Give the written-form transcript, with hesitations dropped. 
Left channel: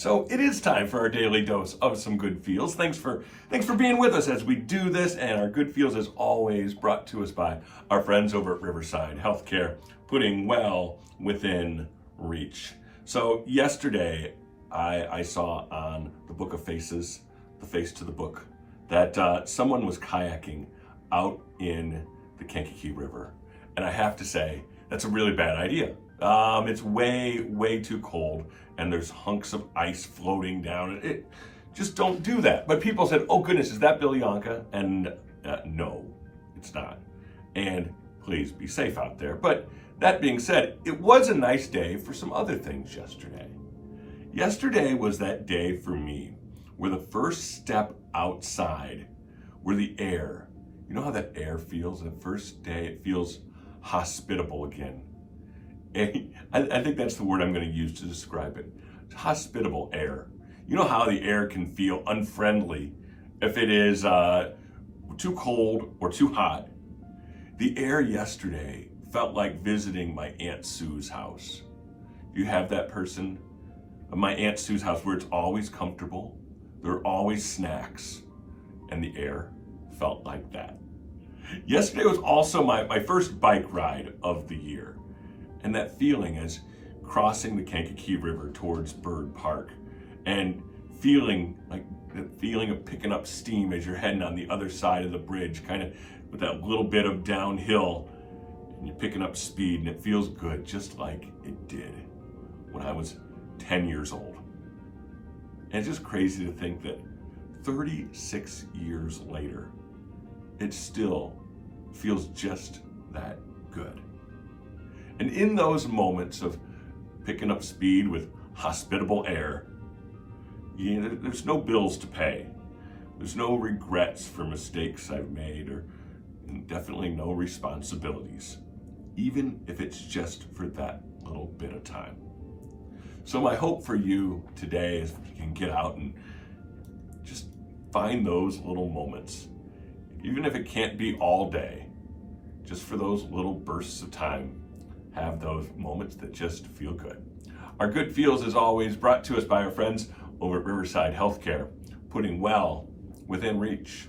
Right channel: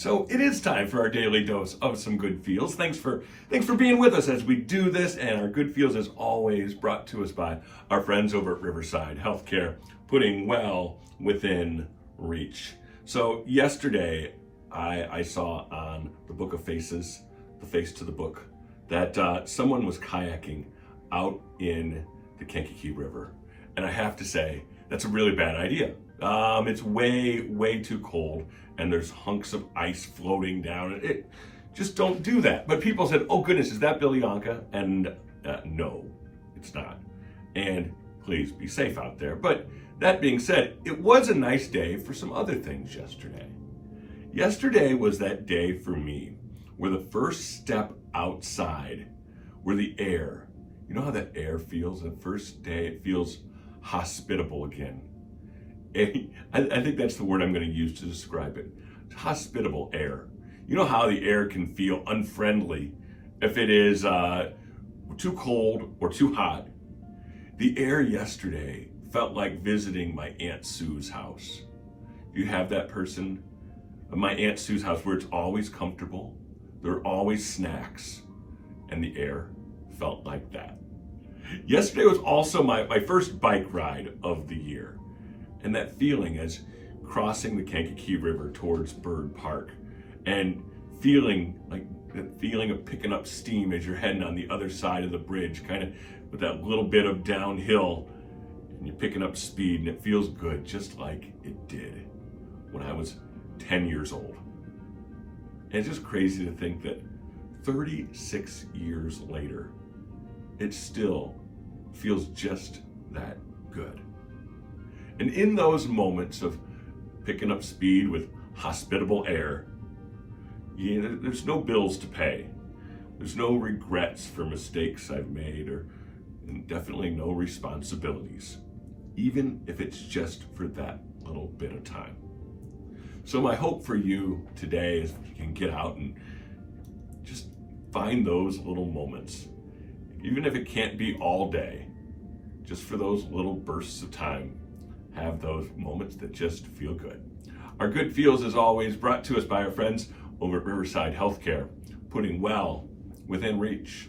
So it is time for our daily dose of some good feels. Thanks for being with us as we do this. And our good feels, as always, brought to us by our friends over at Riverside Healthcare, putting well within reach. So yesterday, I saw on the Book of Faces, the face to the book, that someone was kayaking out in the Kankakee River, and I have to say that's a really bad idea. It's way too cold, and there's hunks of ice floating down. Just don't do that. But people said, "Oh goodness, is that Billy Anka?" And no, it's not. And please be safe out there. But that being said, it was a nice day for some other things yesterday. Yesterday was that day for me where the first step outside, where the air, you know how that air feels? The first day it feels hospitable again. I think that's the word I'm going to use to describe it. Hospitable air. You know how the air can feel unfriendly if it is too cold or too hot. The air yesterday felt like visiting my Aunt Sue's house. Do you have that person? My Aunt Sue's house, where it's always comfortable, there are always snacks, and the air felt like that. Yesterday was also my first bike ride of the year. And that feeling as crossing the Kankakee River towards Bird Park and feeling like the feeling of picking up steam as you're heading on the other side of the bridge, kind of with that little bit of downhill, and you're picking up speed, and it feels good just like it did when I was 10 years old. And it's just crazy to think that 36 years later, it still feels just that good. And in those moments of picking up speed with hospitable air, there's no bills to pay. There's no regrets for mistakes I've made, and definitely no responsibilities, even if it's just for that little bit of time. So my hope for you today is you can get out and just find those little moments, even if it can't be all day, just for those little bursts of time. Have those moments that just feel good. Our good feels, as always, brought to us by our friends over at Riverside Healthcare, putting well within reach.